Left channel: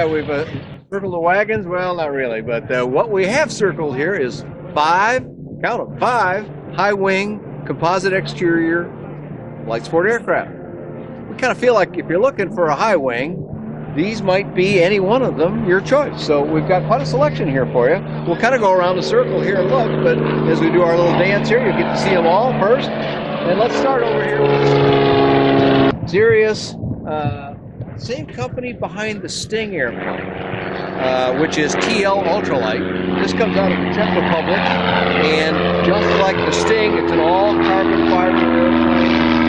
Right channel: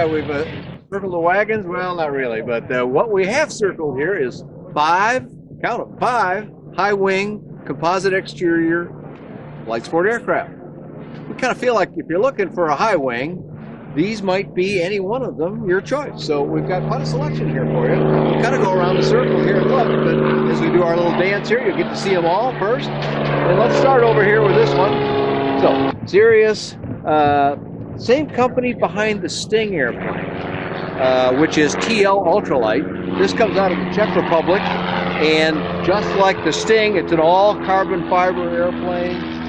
Yeah, we've circled the wagons. Well, not really, but what we have circled here is 5, count them, 5 high-wing composite exterior light sport aircraft. We kind of feel like if you're looking for a high wing, these might be any one of them, your choice. So we've got quite a selection here for you. We'll kind of go around the circle here and look, but as we do our little dance here, you'll get to see them all first. And let's start over here with this one. So, Sirius, same company behind the Sting airplane, which is TL Ultralight. This comes out of the Czech Republic, and just like the Sting, it's an all carbon fiber airplane.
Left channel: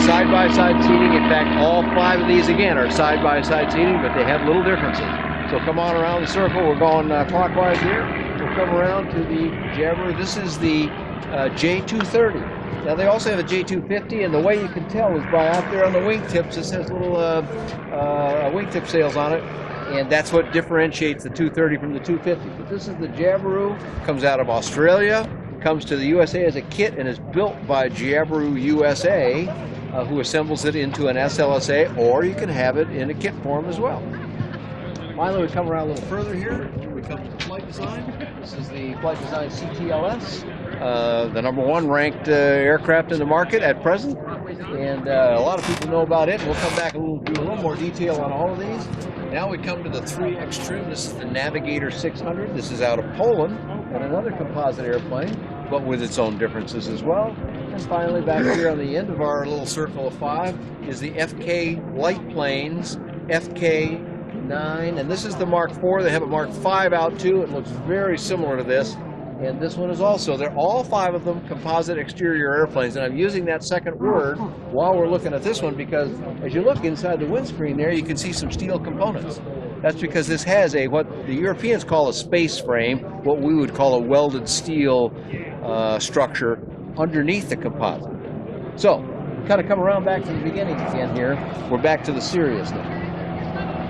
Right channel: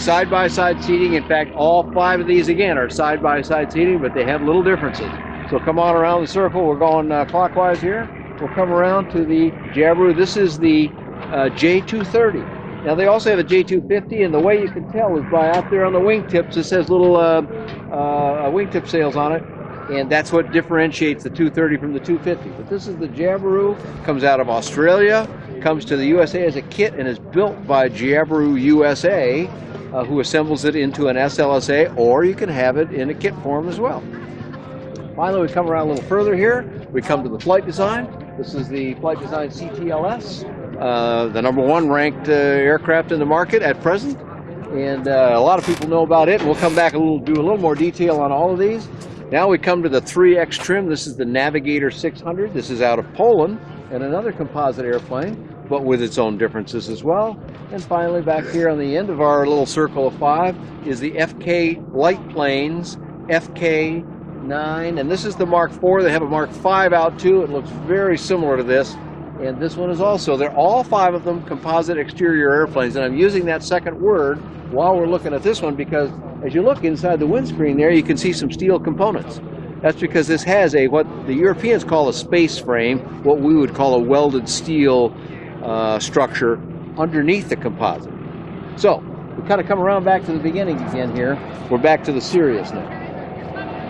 Side-by-side seating. In fact, all 5 of these again are side-by-side seating, but they have little differences. So come on around the circle. We're going clockwise here. We'll come around to the Jabiru. This is the J230. Now they also have a J250, and the way you can tell is by out there on the wingtips. This has little wingtip sails on it, and that's what differentiates the 230 from the 250. But this is the Jabiru. Comes out of Australia. Comes to the USA as a kit and is built by Jabiru USA, who assembles it into an SLSA, or you can have it in a kit form as well. Finally, we come around a little further here. We come to the flight design. This is the flight design CTLS, the #1 ranked aircraft in the market at present, and a lot of people know about it. We'll come back do a little more detail on all of these. Now we come to the 3X trim. This is the Navigator 600. This is out of Poland, and another composite airplane, but with its own differences as well. And finally, back here on the end of our little circle of 5 is the FK light planes, FK9, and this is the Mark IV. They have a Mark V out too. It looks very similar to this, and this one is also. They're all 5 of them composite exterior airplanes, and I'm using that second word while we're looking at this one because as you look inside the windscreen there, you can see some steel components. That's because this has what the Europeans call a space frame, what we would call a welded steel structure underneath the composite. So we kind of come around back to the beginning again here. We're back to the Sirius now.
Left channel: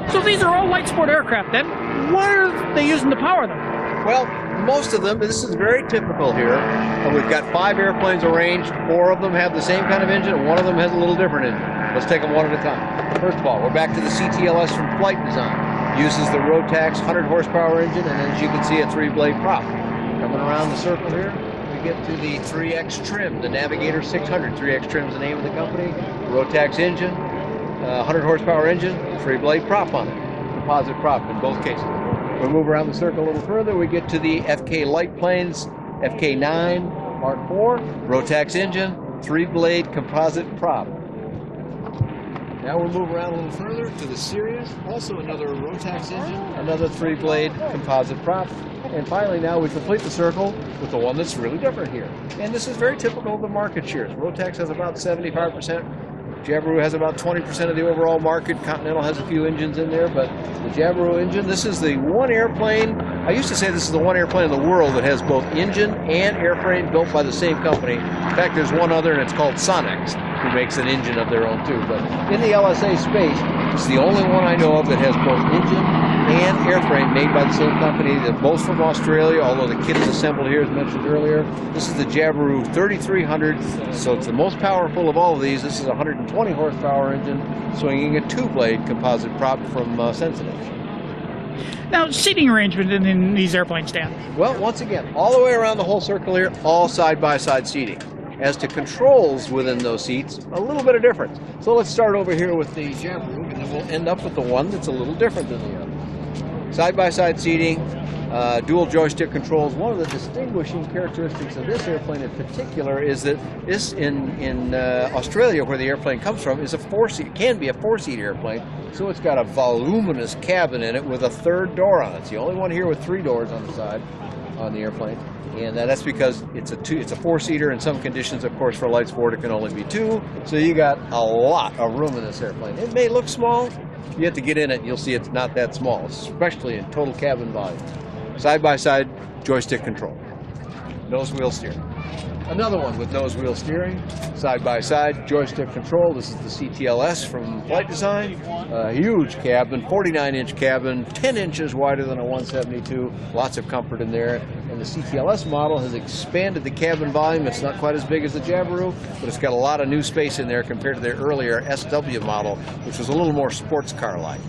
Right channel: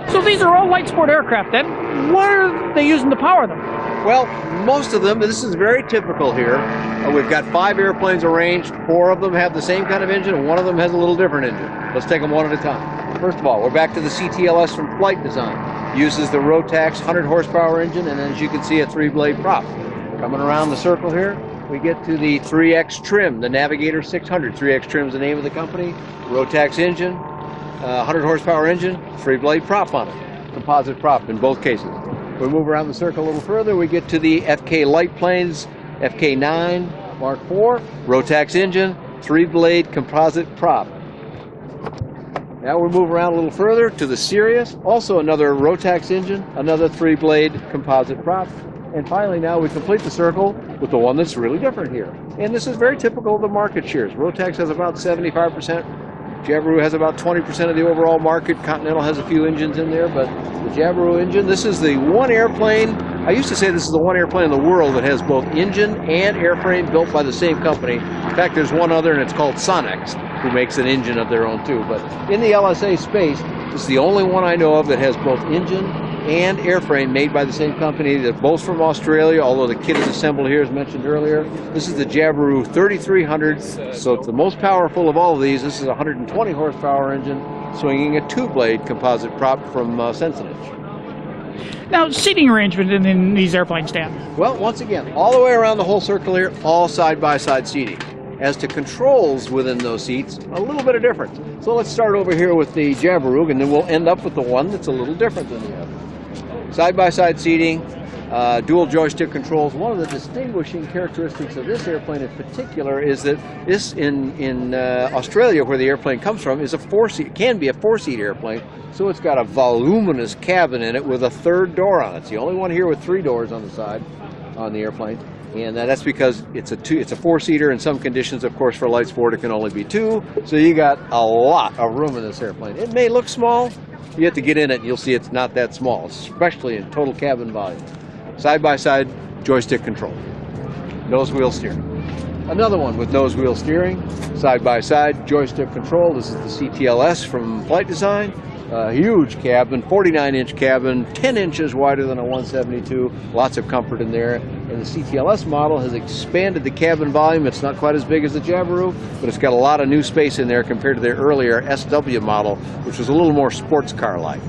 So these are all light sport aircraft then. What are they using to power them? Well, most of them, this is very typical here. We've got 5 airplanes arranged. 4 of them have the same kind of engine, and 1 of them has a little different engine. Let's take them one at a time. First of all, we're back to the CTLS from Flight Design. Uses the Rotax 100 horsepower engine, and as you can see, a 3-blade prop. Coming around the circle here, we get to the 3X trim, the Navigator 600. 3X trim is the name of the company. Rotax engine, 100 horsepower engine, 3-blade prop on it. Composite prop in both cases. We move around the circle a little further, we get to the FK light planes, FK9, Mark IV, Rotax engine, 3-blade composite prop. Now we move around a little further to the Sirius, also another Rotax engine, another 3-blade composite prop. And finally now we complete the circle with the one that's really different here. And this is very typical of the market shares. Rotax has about 75%. Jabiru has about 20% of the overall market. Continental has a few engines in there, but the Jabiru engine, this is the one airplane, I used to say this is the one airplane in the world that has both engine and airframe built by the same company. In fact, there's one other, and it's called Sonex, who makes an engine of their own too. But in the LSA space, it's the only one I know of that has both engine and airframe made by the same company. They're both from Australia, although the kit is assembled here as mentioned earlier. This is the Jabiru 3300, so it's the most powerful of all of these. This is a 120 horsepower engine swinging a 2-blade composite prop from Sensenich. Now, seating arrangement in these airplanes, Dan? Well, once again, all the way around the whole circle here, all side-by-side seating. As to controls within those seats, a little bit of difference. So let's start over here with the Jabiru, and then we'll end up with the one that's a little different than the others. Side-by-side seating, dual joystick controls. One of the distinguishing characteristics of this airplane in particular is that this in Australia, where the airplane comes from, is a 4-seat, can be a 4-seat airplane. So it's got a voluminous cabin in it with a 3rd door on it. It's the only one here with 3 doors on the side on the airplane. And that's because it's a 4-seater. In some conditions, of course, for light sport, it can only be 2. So you got a lot of room in this airplane. It may look small. You have to get in it, and you'll see it's not that small, especially in total cabin volume. Side-by-side joystick control. Nose wheel steering. Another one with nose wheel steering. Side-by-side joystick control. This is the CTLS from Flight Design. Huge cabin, 49-inch cabin, 10 inches wider than a 172. Lots of comfort in there. And the CTLS model has expanded the cabin volume. It's not quite as big as the Jabiru, but it's got a lot of new space in there compared to their earlier SW model, which was a little more sports car-like.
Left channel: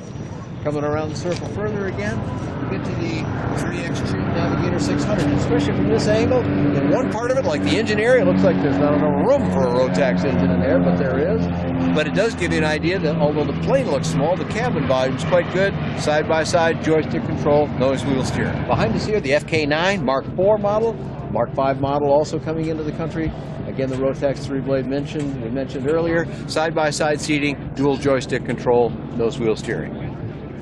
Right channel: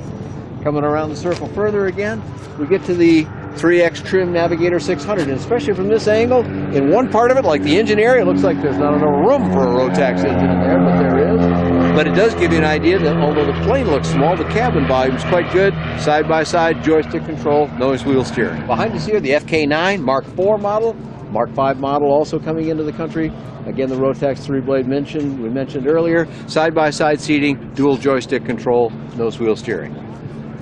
Coming around the circle further again, we get to the 3X trim Navigator 600, and especially from this angle, in one part of it, like the engine area, it looks like there's not enough room for a Rotax engine in there, but there is. But it does give you an idea that although the plane looks small, the cabin volume is quite good. Side-by-side joystick control, nose wheel steering. Behind us here, the FK9 Mark IV model, Mark V model also coming into the country. Again, the Rotax 3-blade we mentioned earlier. Side-by-side seating, dual joystick control, nose wheel steering.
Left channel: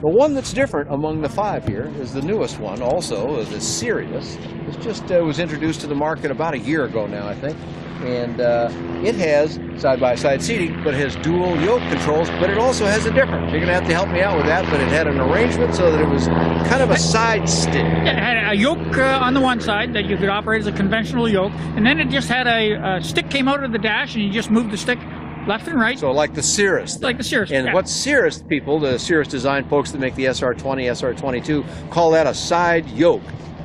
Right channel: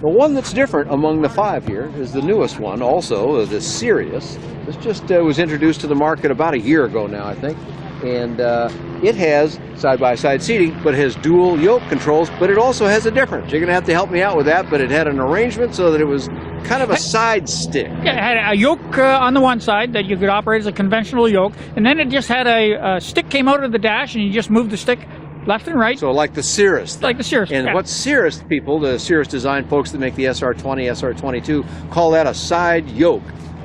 The one that's different among the 5 here is the newest one, also the Sirius. This just was introduced to the market about a year ago now, I think. And it has side-by-side seating, but it has dual yoke controls, but it also has a difference. You're going to have to help me out with that, but it had an arrangement so that it was kind of a side stick. It had a yoke on the one side that you could operate as a conventional yoke, and then it just had a stick came out of the dash, and you just moved the stick left and right. So like the Cirrus thing. Like the Cirrus. And what Cirrus people, the Cirrus design folks that make the SR20, SR22, call that a side yoke,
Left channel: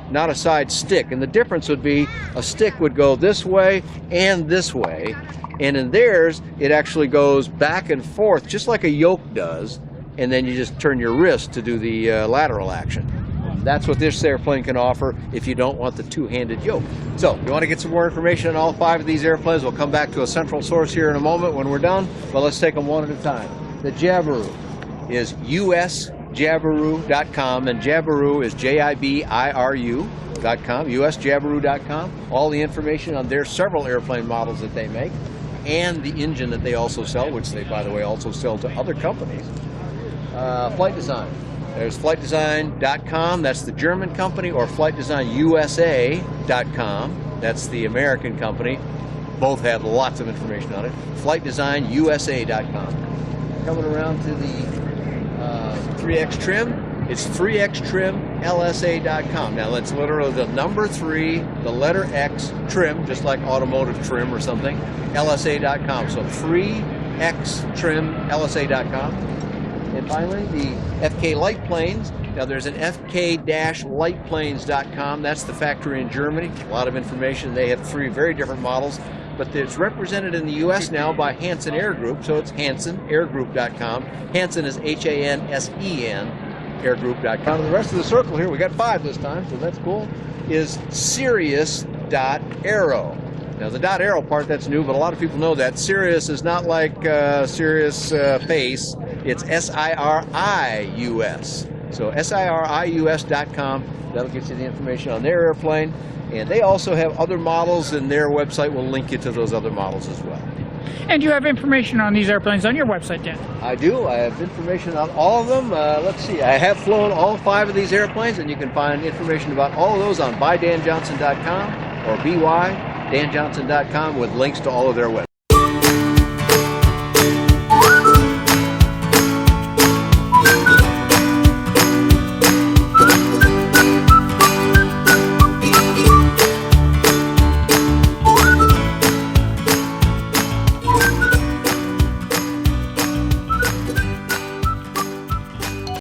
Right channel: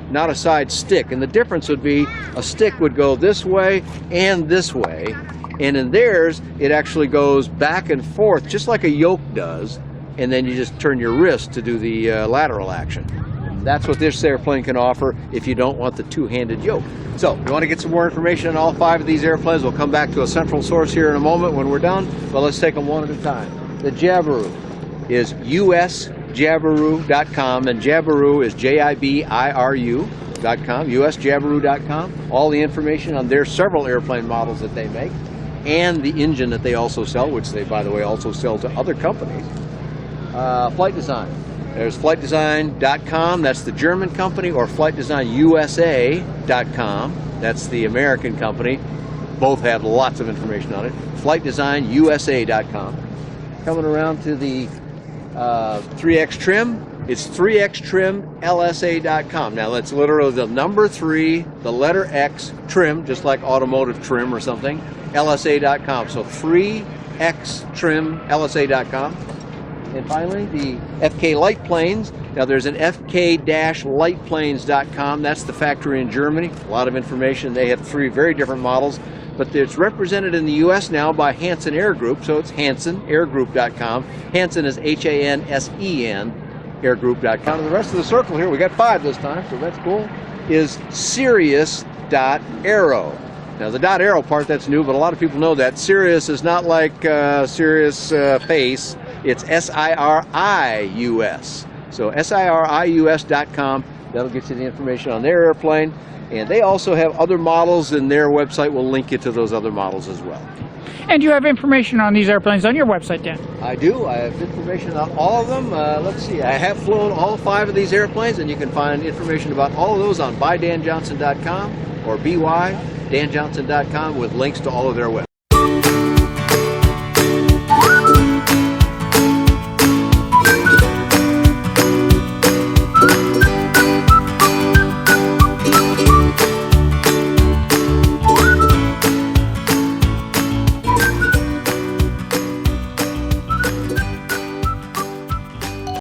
not a side stick. And the difference would be a stick would go this way and this way. And in theirs, it actually goes back and forth, just like a yoke does. And then you just turn your wrist to do the lateral action. And that's what this airplane can offer if you don't want the two-handed yoke. So, if you want to get some more information on all 5 of these airplanes, we'll come back to a central source here in a moment when we're done, but let's take them one at a time. The Jabiru is usjabiru.com, and Jabiru is Jibiru.com, usjabiru.com. All the information on their several airplane models that they make, and the engine that they also sell, which they, by the way, also sell to other companies. Flight Design. There's flightdesign.com, that's the German company, or flightdesignusa.com, that's the American company. Both have lots of information on it. Flightdesignusa.com. Coming around to the 3X trim, it's 3xtrimlsa.com. Now that's literally the number 3, the letter X, trim, just like automotive trim or something, lsa.com. So 3xtrimlsa.com. And finally, the FK Light Planes. Now there's an fk-lightplanes.com. That's the factory in Germany. A lot of information. They have 3 very different models, but it's represented in the U.S. now by Hansen Air Group, so it's hansenairgroup.com. Hansen is Hansen, airgroup.com. And the rest of the circle here, we got 5 this time, so that's cool, is Sirius.aero. Now the .aero part, that's new, but a lot of people know that. Sirius is not like Sirius face. It's SIRIUS. So SIRIUS.com. That'll get you the information on their airplane. And they also have other models, and their website will link you to those other models as well. And you have information on these airplanes on your website, Dan? I do. I have information on all of them. Let's see. I have flown all 5 of these airplanes, and you can find information about all of those on bydanjohnson.com or bydanjohnson.com with links to all of their websites.